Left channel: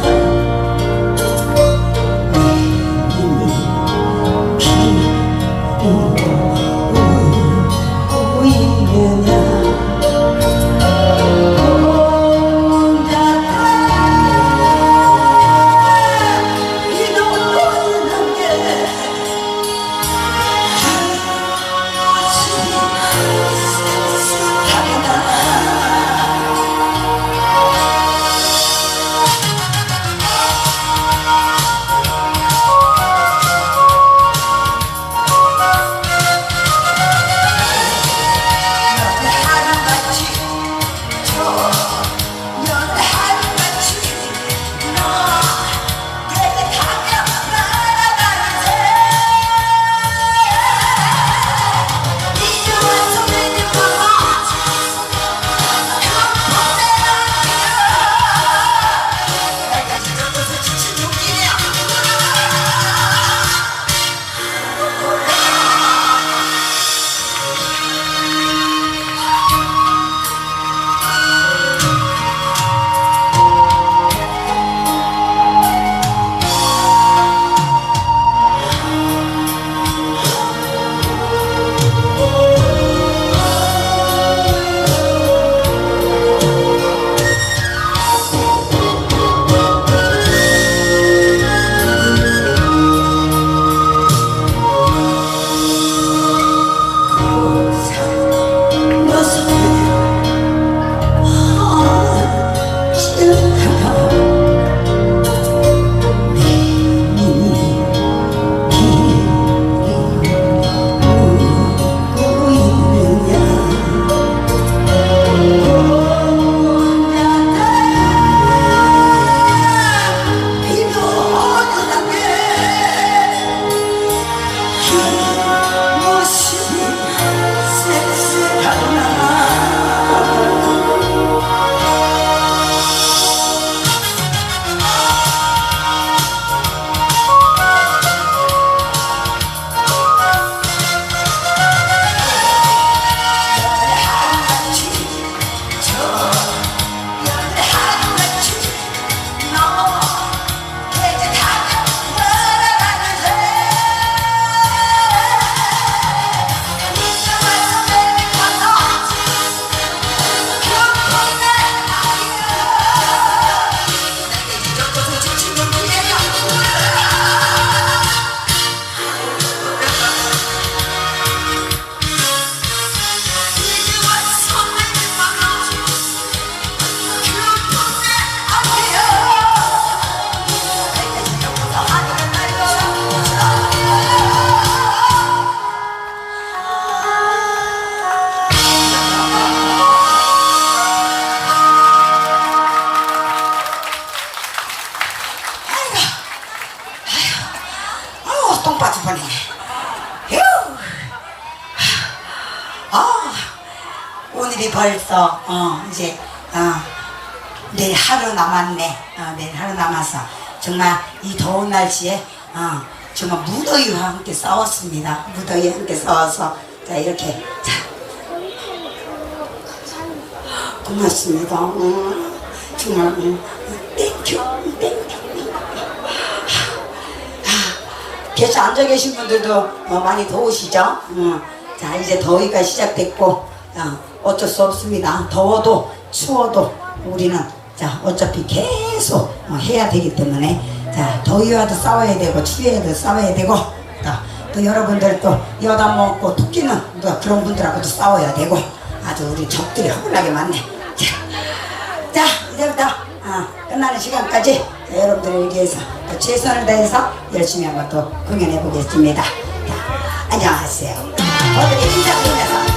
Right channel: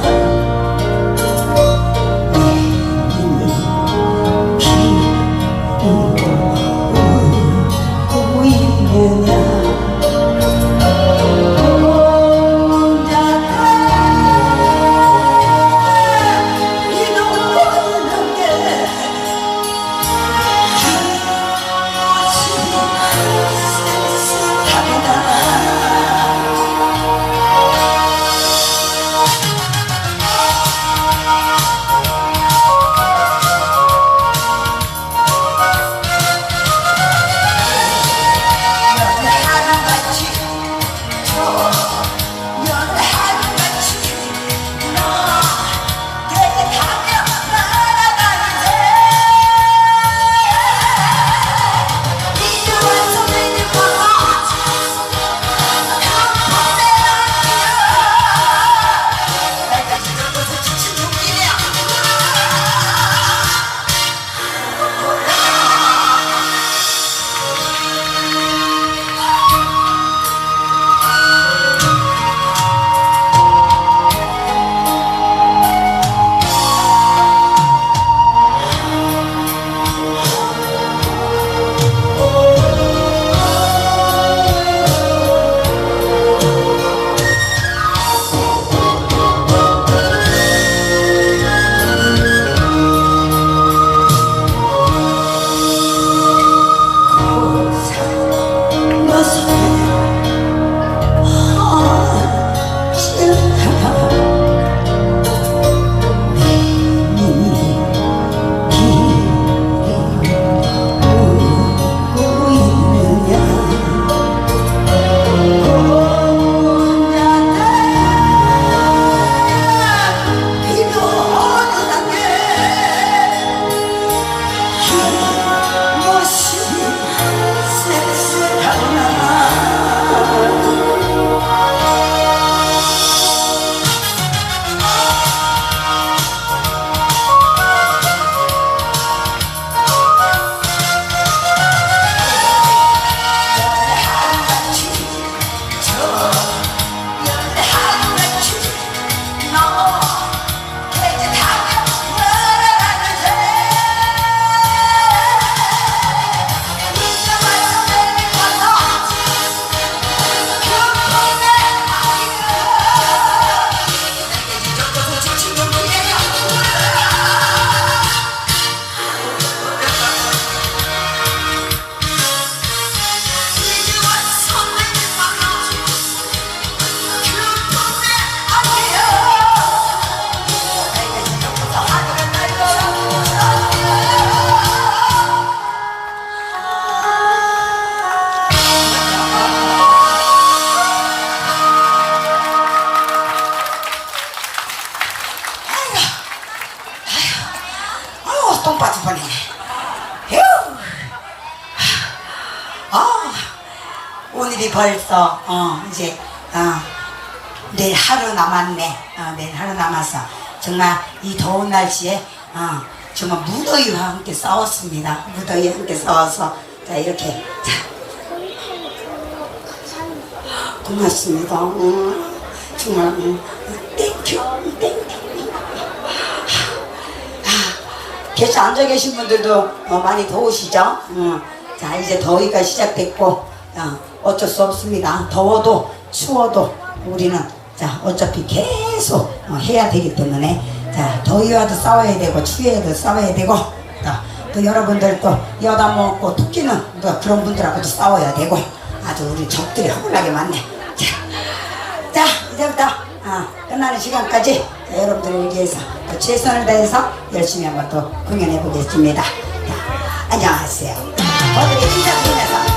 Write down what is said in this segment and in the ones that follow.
Oh. 내일 하루 남았네. 어, 내일 하루 남았어. 정말 이 더운 날씨에, 어, 정말 무더위와 함께 싸웠습니다. 무더위와 함께 싸워서, 자, 이렇게. 자, 고맙습니다. 어, 정말, 음, 땡큐, 땡큐. 아, 계속 앉아 계신 분들도 어, 많이 더우시죠? 음, 자, 이제 더위가 시작됐고, 어, 어쩔 수 없습니다. 더워도 추워도 우리는 자, 어차피 계속 어, 해야 되기 때문에 자, 더위와도 싸워야 되고 추위와도 싸워야 되고 자, 또 여러분들 또 여다 먹고 토끼는 또 그런 분들하고도 싸워야 되고 아주 우리 적들이 허물나게 많네. 자, 자 이제부터 어, 끝나는 시간까지 자, 여러분들을 위해서 또 최선을 다해서 열심히 한번 또 공연해 보겠습니다. 자, 안녕하세요. 어떻게 인사드리면서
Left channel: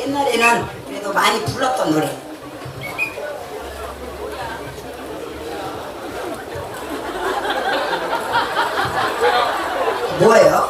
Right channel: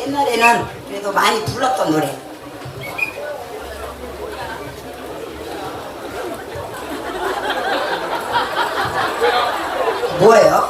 옛날에는 그래도 많이 불렀던 노래. 뭐예요?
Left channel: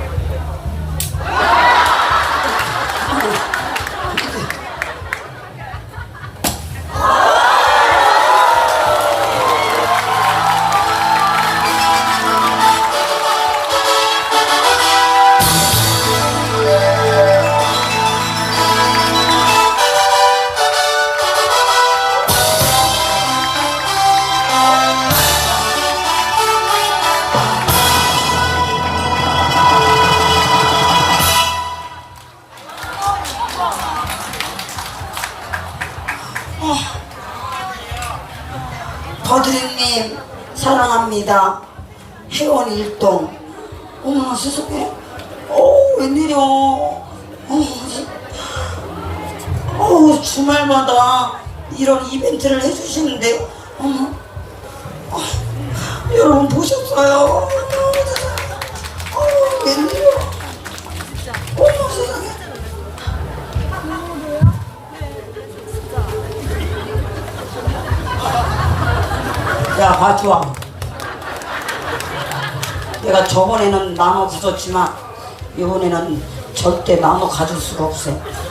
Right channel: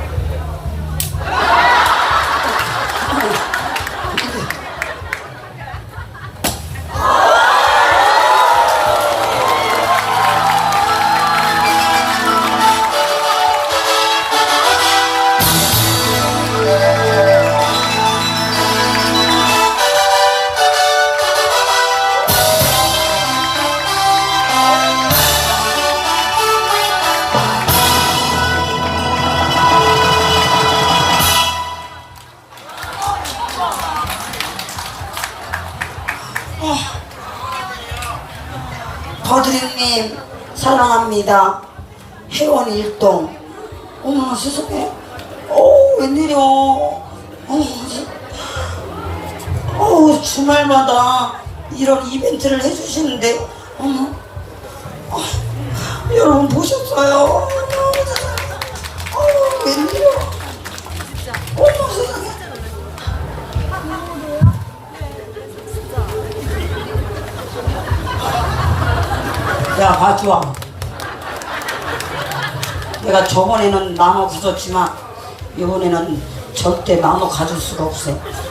보셨어요? 어우 웬일이야. 어머. 야, 봐줘. 내가 저번에는 나무 가졌지만, 이번에는 절대 나무 가질 수가 없어. 예?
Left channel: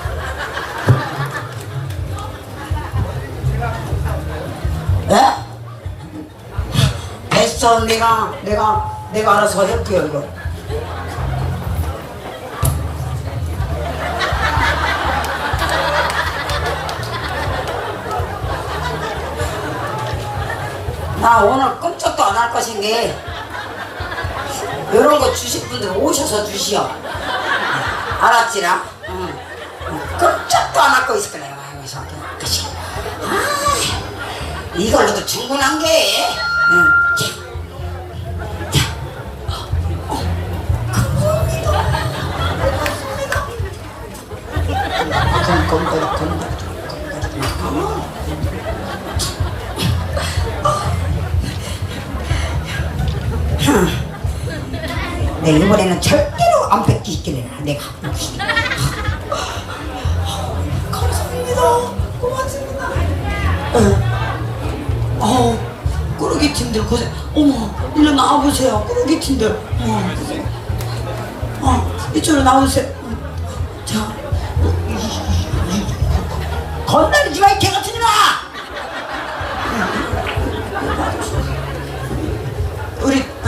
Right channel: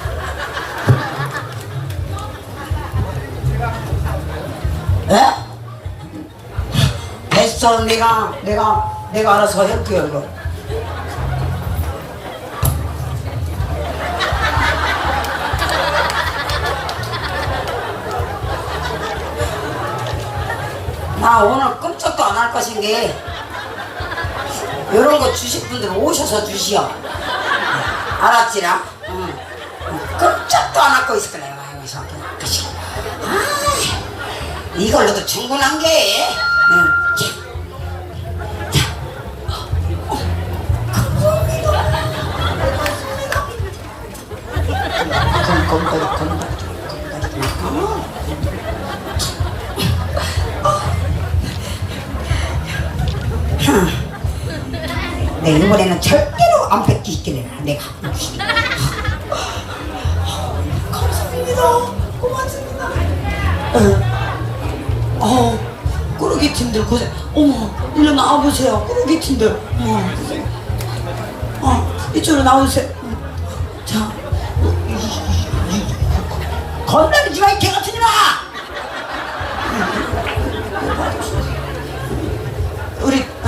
됐어, 내가, 내가, 내가 알아서 할게요, 이거. 나 오늘 끔찍도 안 할 것인데 이런 거 주실 분들 오셔서 주시오 알았지라? 응. 끔찍도 안 할 거 있을 그치? 아, 이걸로도 충분한 게 응. 내 이번에는 절대로 안 뺏기기를 내가 감사합니다. 고맙습니다. 어, 어. 꾸러기 팀들 고생. 어머 일로 나와보세요. 꾸러기 팀들. 어, 어. 이쪽으로 나오세요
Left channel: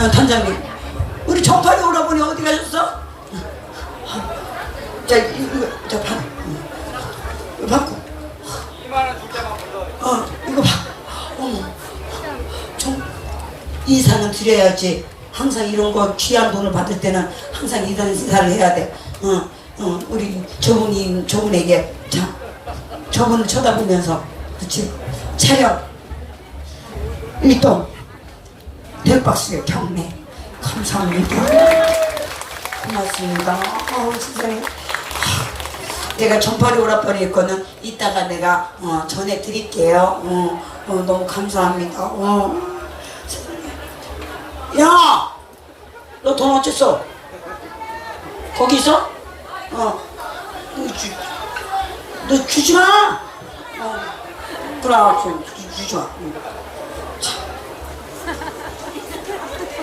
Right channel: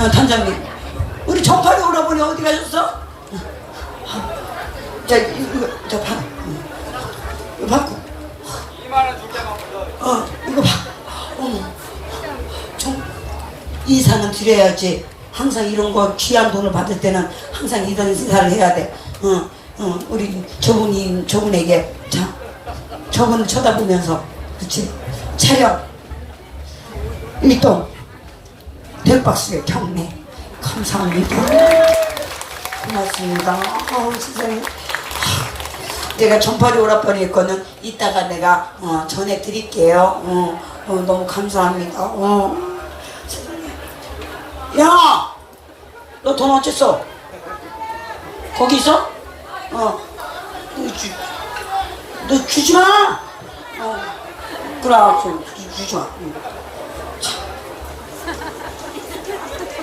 어, 단장님 우리 전파리 오라버니 어디 가셨어? 자 이거 저 봐. 이거 받고. 어 이거 봐. 어머. 좀 인사는 드려야지. 항상 이런 거 귀한 돈을 받을 때는 항상 이런 인사를 해야 돼. 어, 어, 우리 저분이 저분에게 자 저분을 쳐다보면서 그렇지 촬영 일동 별박스의 경례 감사합니다. 고맙습니다. 어, 세상에. 내가 정파리 오라버니 거는 이따가 내가 어, 전해드릴게요. 어, 어, 너무 감사합니다. 어. 야! 너 돈 어딨어? 거기 있어? 어. 너, 주, 너 주지 마! 어. 그래, 알았어. 주, 주지 마. 응.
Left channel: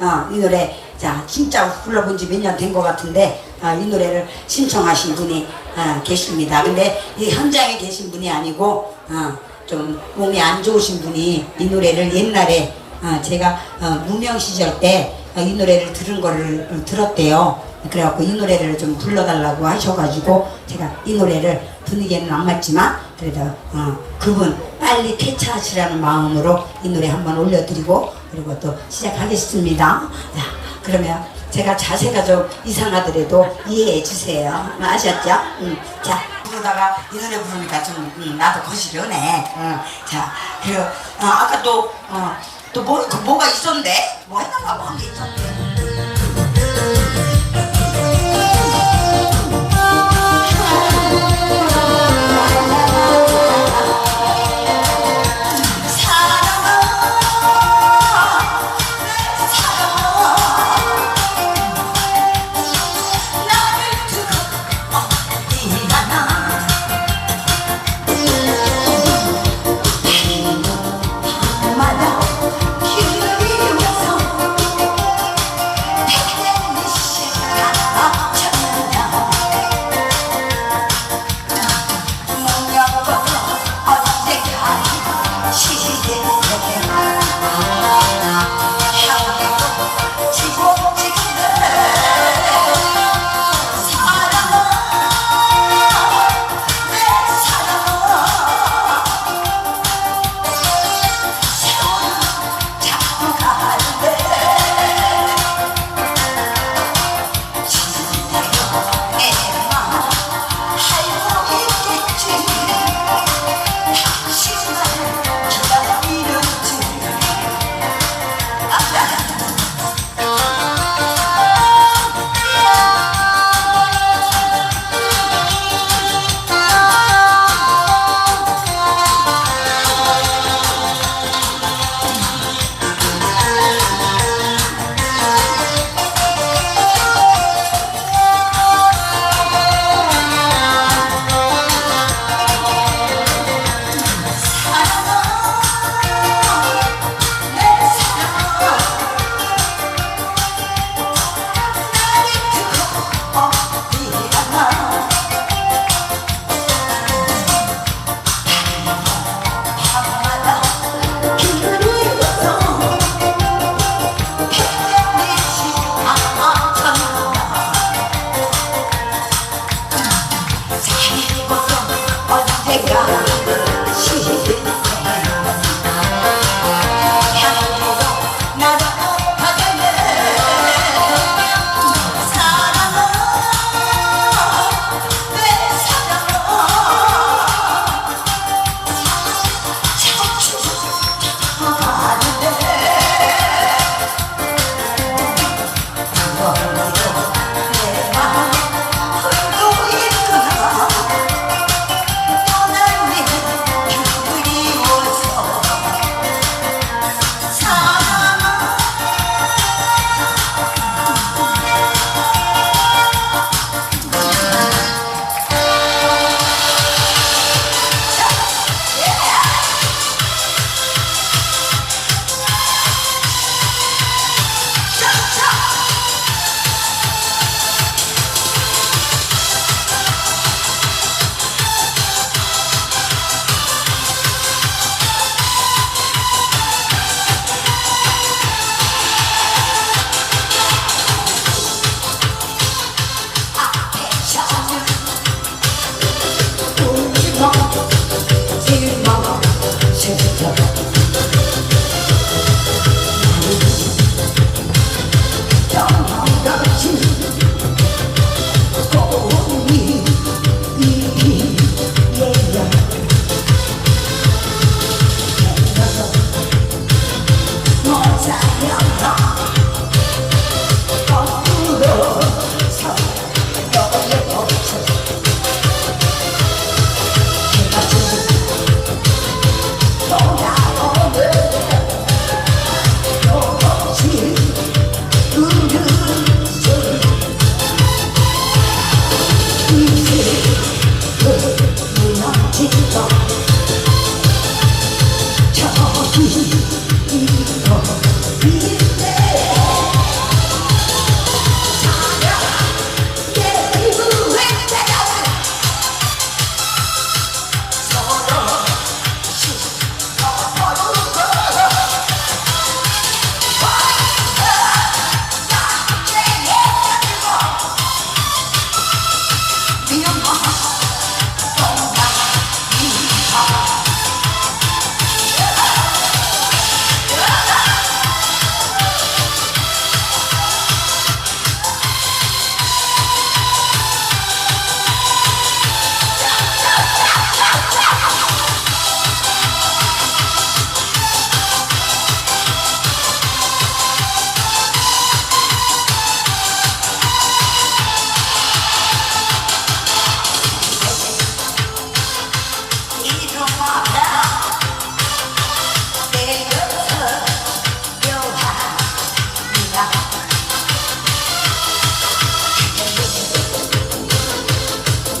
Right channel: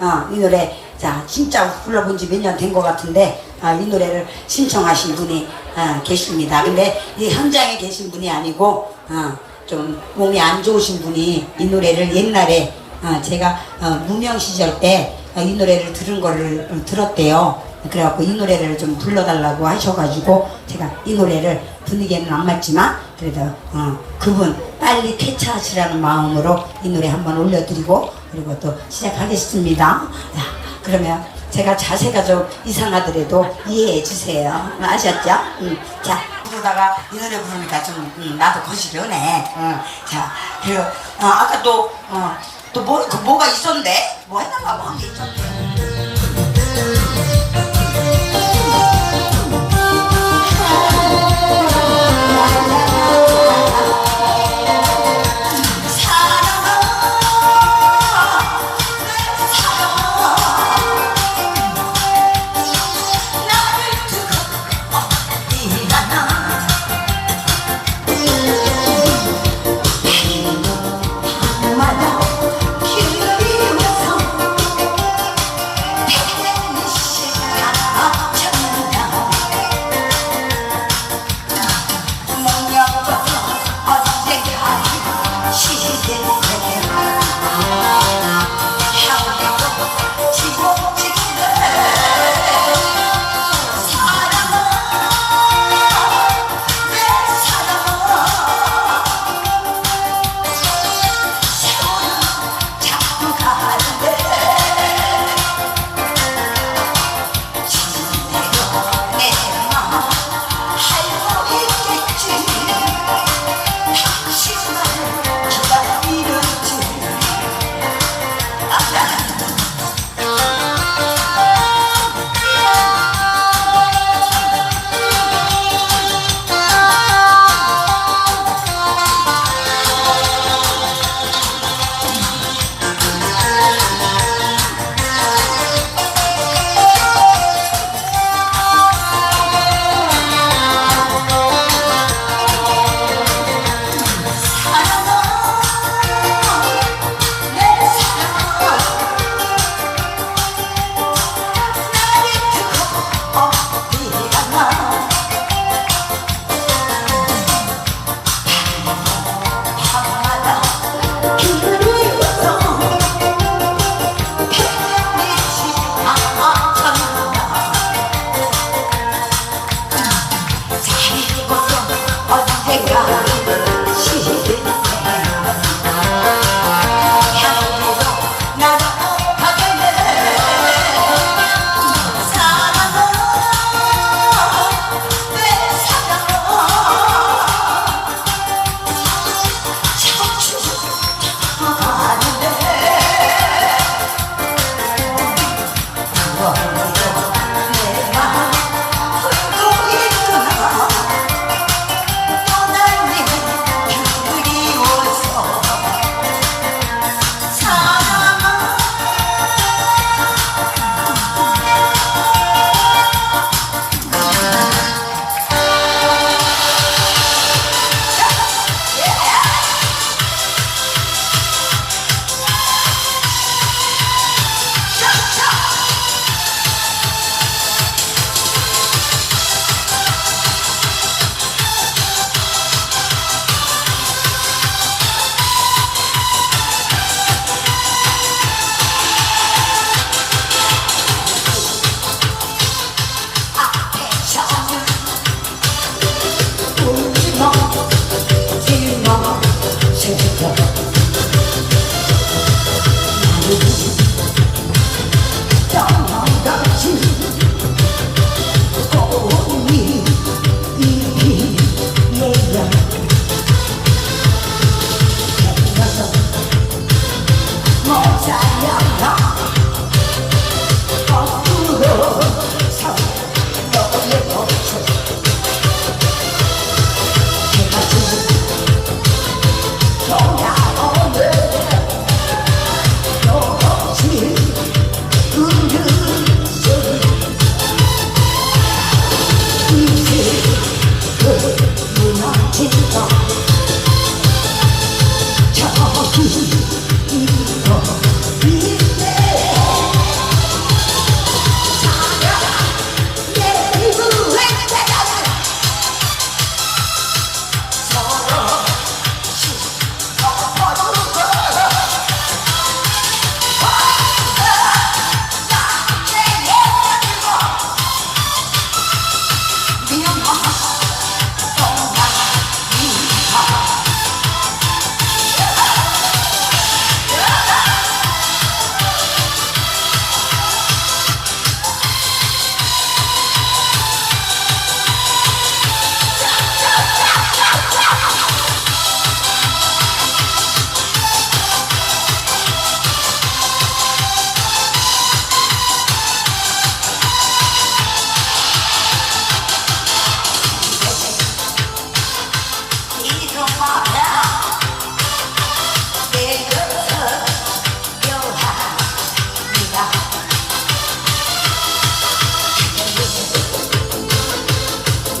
어, 이 노래 자 진짜 불러본 지 몇 년 된 것 같은데 어, 이 노래를 신청하신 분이 어, 계십니다. 근데 이 현장에 계신 분이 아니고 어, 좀 몸이 안 좋으신 분이 이 노래를 옛날에 어, 제가 어, 무명 시절 때 이 노래를 들은 거를 어, 들었대요. 그래갖고 이 노래를 좀 불러달라고 하셔가지고 제가 이 노래를 분위기에는 안 맞지만 그래도 어, 그분 빨리 퇴차하시라는 마음으로 이 노래 한번 올려드리고 그리고 또 시작하겠습니다. 자, 그러면 제가 자세가 좀 이상하더라도 이해해 주세요. 아셨죠? 음, 자, 그러다가 이 노래 부르니까 좀 음, 나도 거시려네. 음, 자, 그리고 어, 아까 또 어, 또 뭐, 그 뭐가 있었는데? 뭐 했는가 뭐한게 있었는데.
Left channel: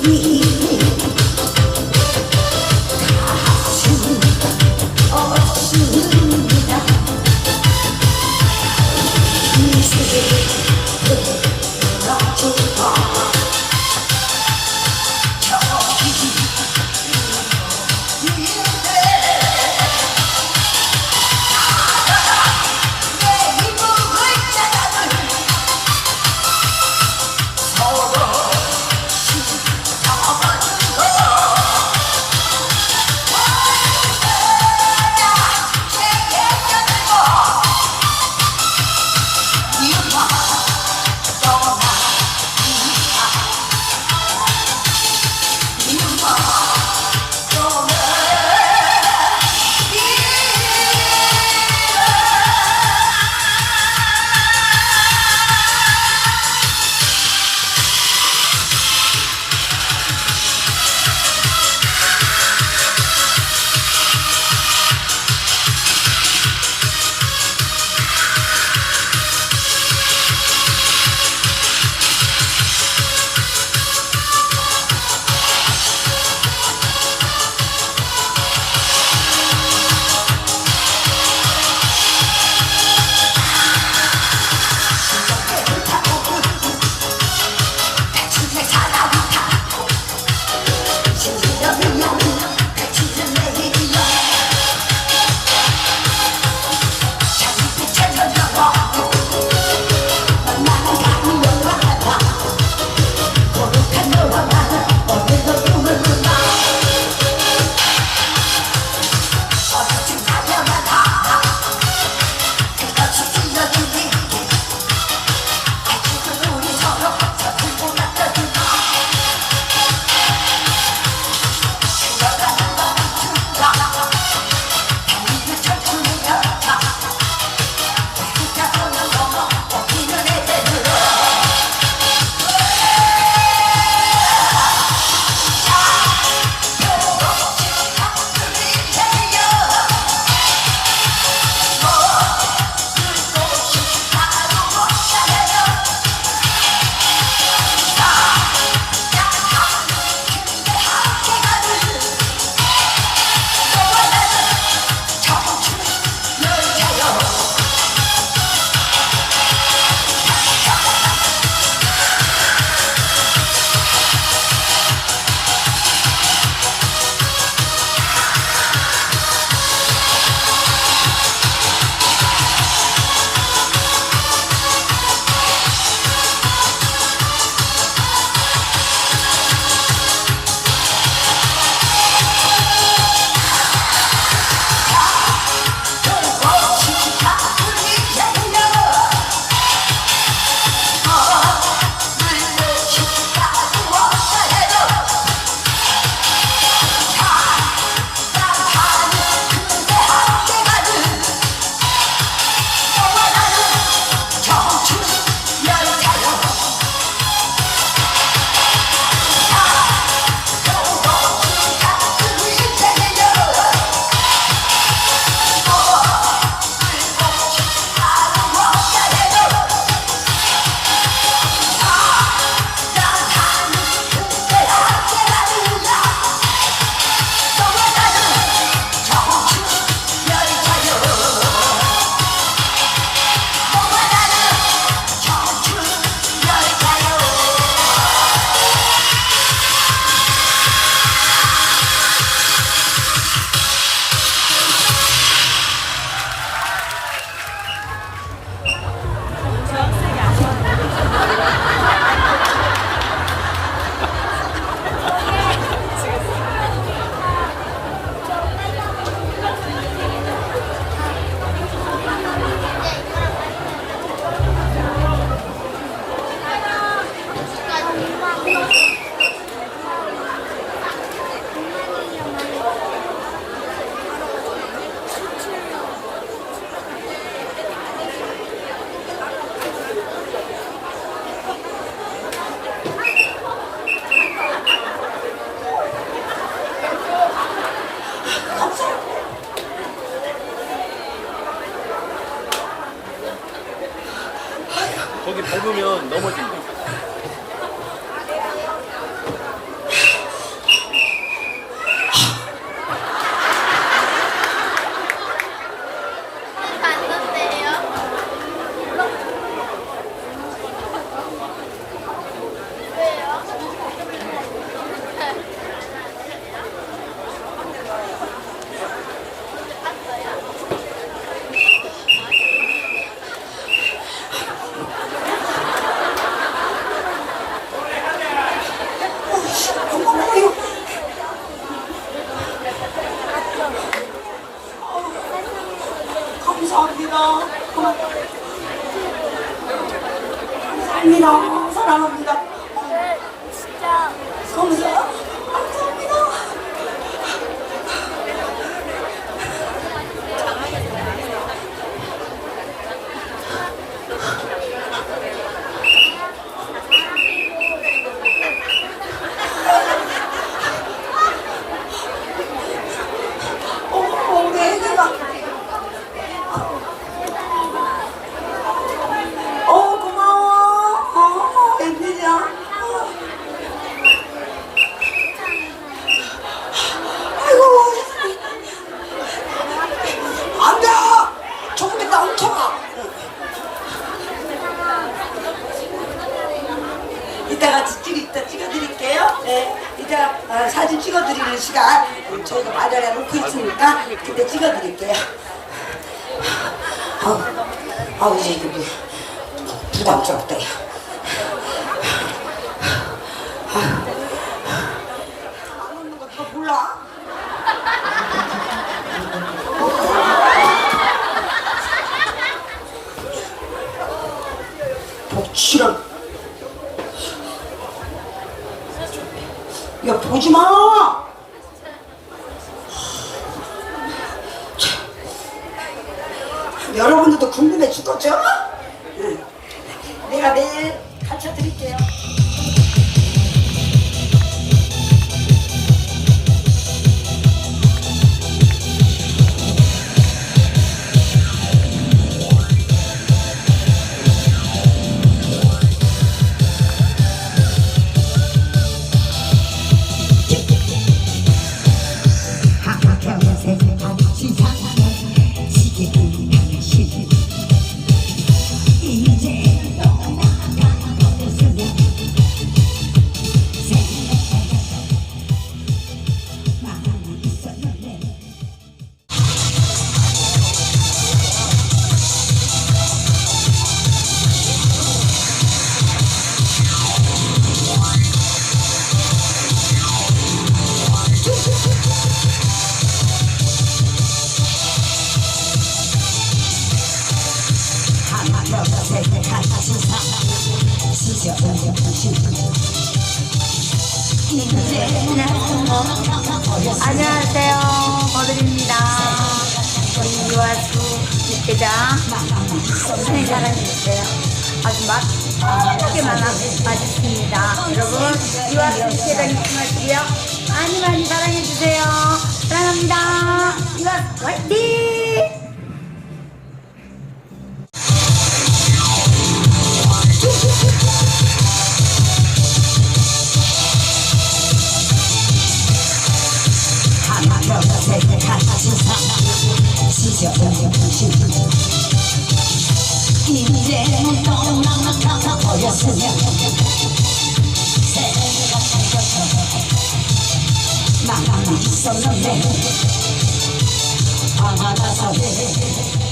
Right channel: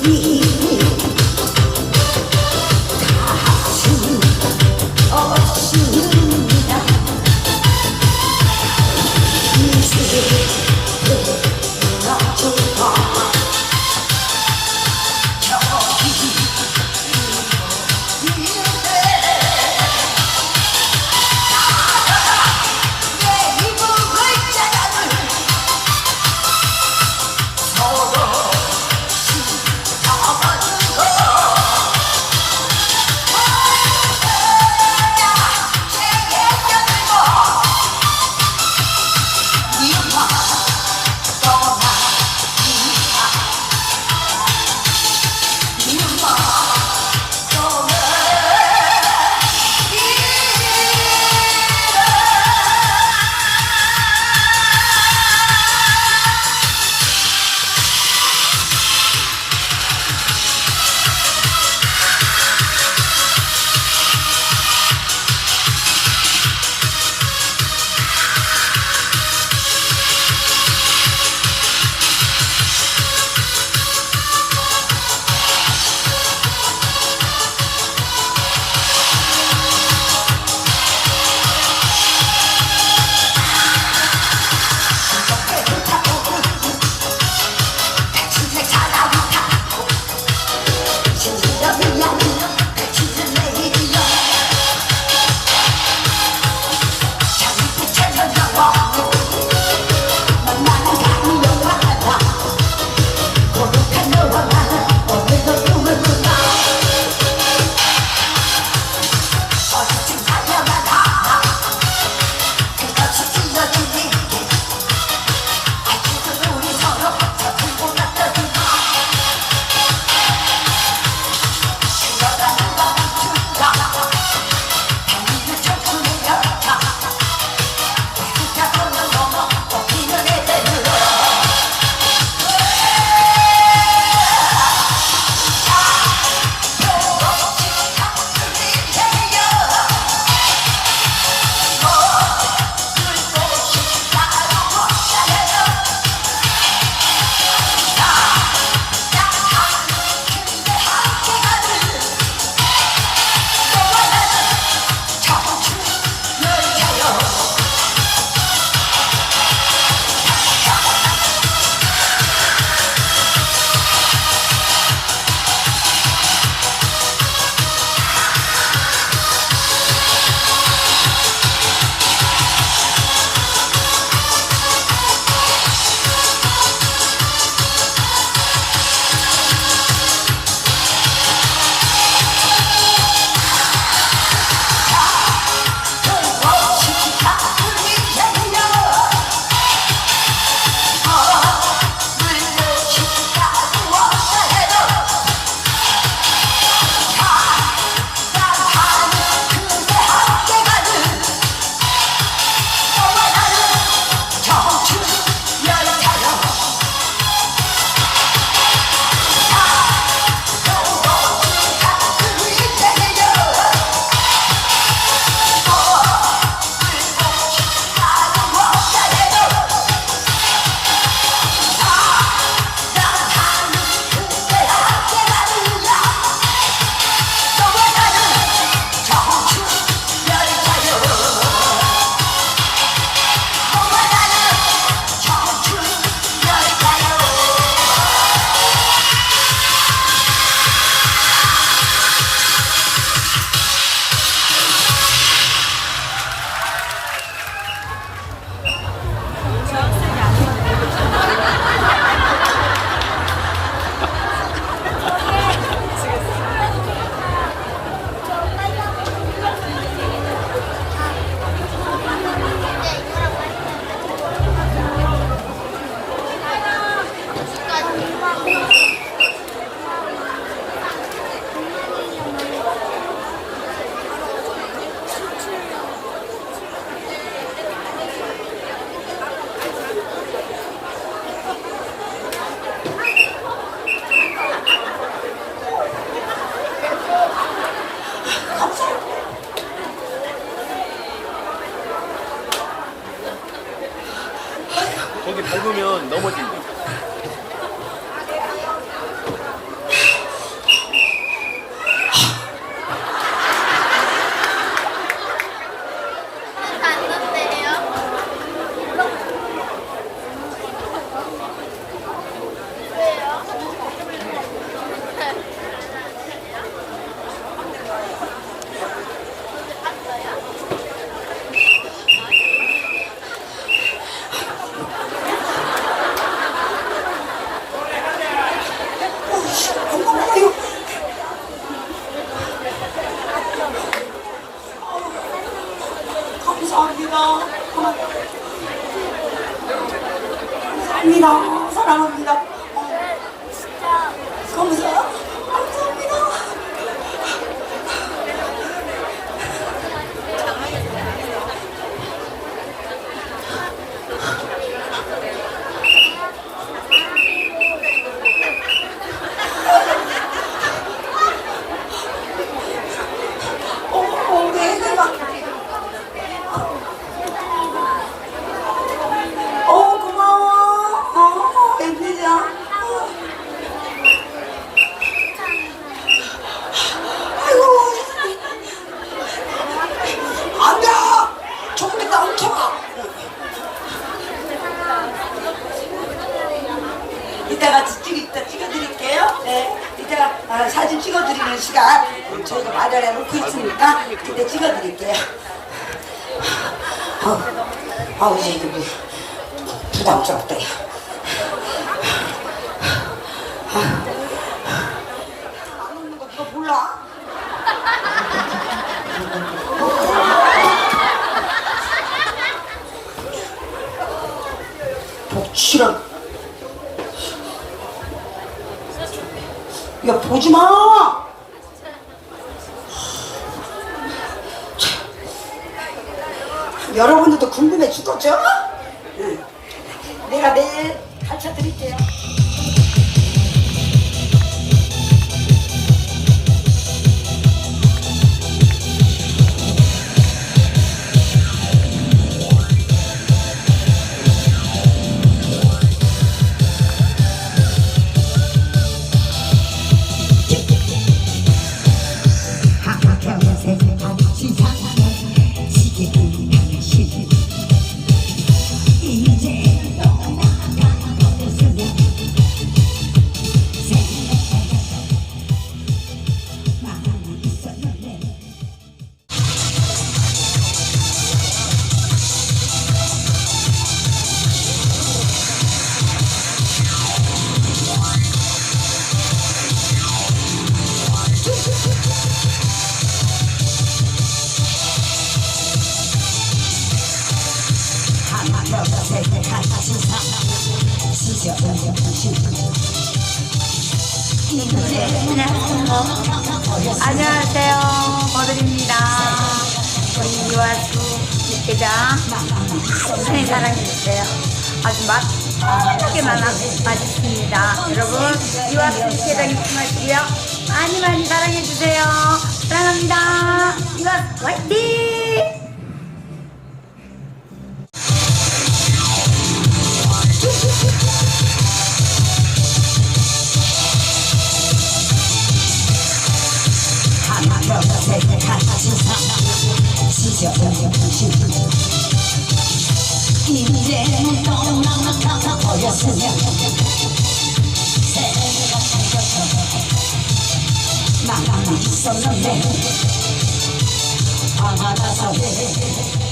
you. 아, 사진 찍어드리는 시간 저희가 마련해 놓고 있으니까 그때 찍어드릴게요. 어, 어, 이게 부담스럽다. 야. 아는 거 누가 몰라? 독실한 야 보지 마. 여러분들도 궁금해 죽었죠? 안녕하세요. 버들입니다. 우리 유아수 육개장 많이 사랑해주세요. 아주 맛있게 많아 맛있습니다. 여러분 유아수 육개장 마시고요. 많이 많이 사랑해주세요. 사랑합니다. 유아수 화이팅! 떠나가버렸으면 생